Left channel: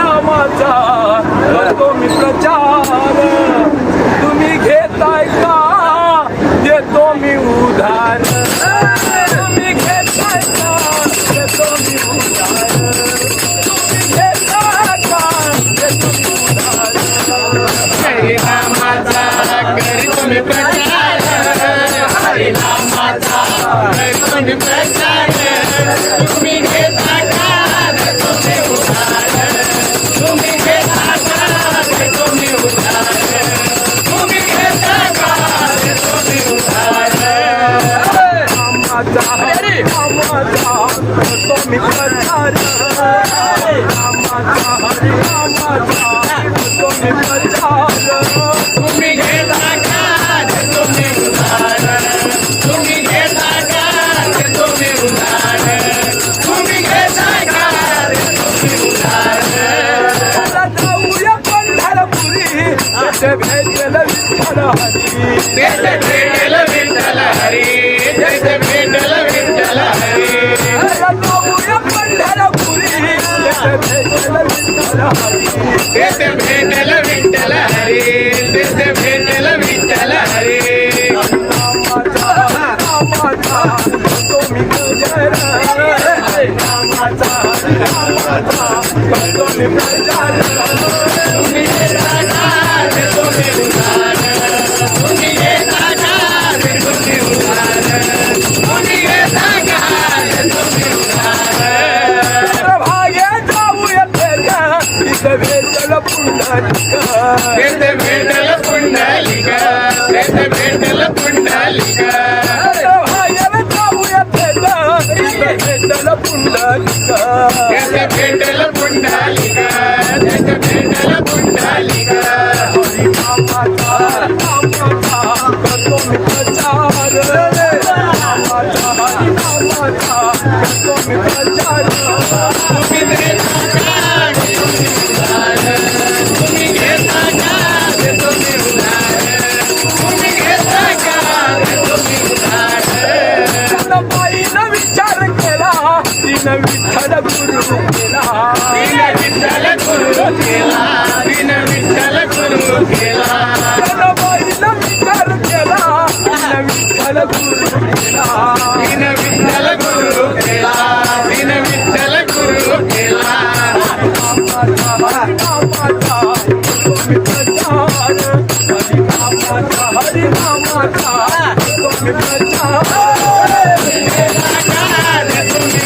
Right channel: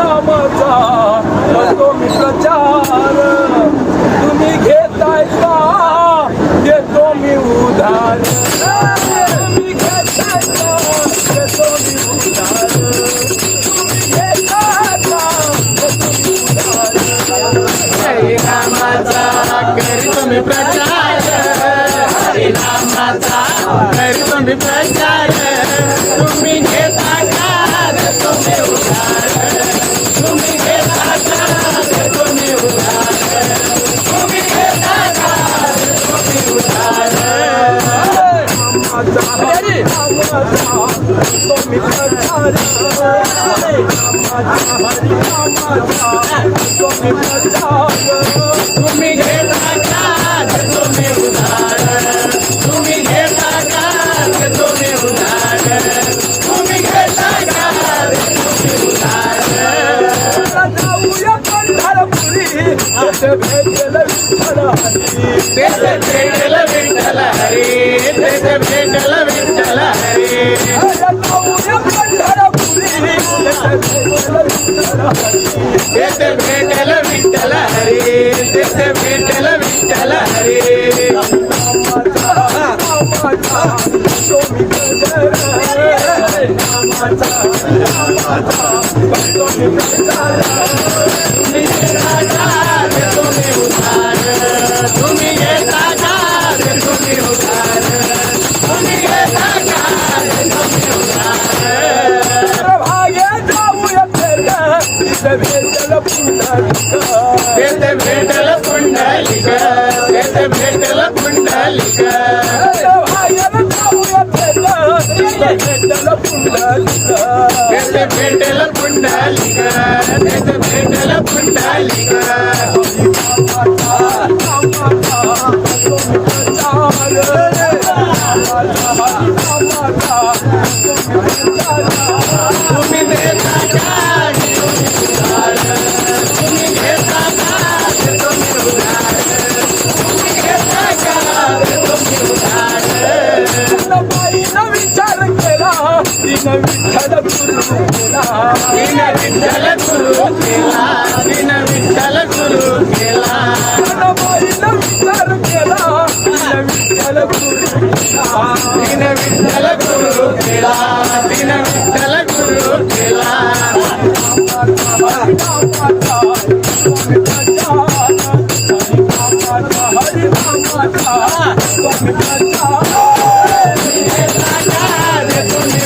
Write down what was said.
हरिनामाचा करतो मी प्रचार. तुम्ही घेताय का देतो मी उधार. तुम्ही घेताय का देतो मी उधार. तुम्ही घेताय का देतो मी उधार. हरिनामाचा करतो मी प्रचार. हरिनामाचा करतो मी प्रचार. तुम्ही घेता का देतो मी उधार. तुम्ही घेता का देतो मी उधार. तुम्ही घेता का देतो मी उधार. हरिनामाचा करतो मी प्रचार. हरिनामाचा करतो मी प्रचार. तुम्ही घेता का देतो मी उधार. तुम्ही घेता का देतो मी उधार. तुम्ही घेता का देतो मी उधार. जाऊया पंढरपुरी तेथे भेटेल विठ्ठल हरी. तेथे भेटेल विठ्ठल हरी. तेथे भेटेल विठ्ठल हरी. जाऊया पंढरपुरी तेथे भेटेल विठ्ठल हरी. तेथे भेटेल विठ्ठल हरी. तेथे भेटेल विठ्ठल हरी. हरिनामाचा करतो मी प्रचार. हरिनामाचा करतो मी प्रचार. तुम्ही घेता का देतो मी उधार. तुम्ही घेता का देतो मी उधार. तुम्ही घेता का देतो मी उधार. भागे जाऊया तिथे भेटल पुंडलिक. तेथे भेटेल पुंडलिक. तेथे भेटेल पुंडलिक. भाग्याला जाऊया तिथे भेटल पुंडलिक. तेथे भेटेल पुंडलिक. तेथे भेटेल पुंडलिक. हरिनामाचा करतो मी प्रचार. हरिनामाचा करतो मी प्रचार. तुम्ही घेता का देतो मी उधार. तुम्ही घेता का देतो मी उधार. तुम्ही घेता का देतो मी उधार. बाईनं विचार केला तिनं विठ्ठल गुरु केला. बिन विठ्ठल गुरु केला. बिन विठ्ठल गुरु केला. बाईनं विचार केला तिनं विठ्ठल गुरु केला. बिन विठ्ठल गुरु केला. बिन विठ्ठल गुरु केला. हरिनामाचा तुम्ही प्रचार. हरिनामाचा तुम्ही प्रचार. देतो मी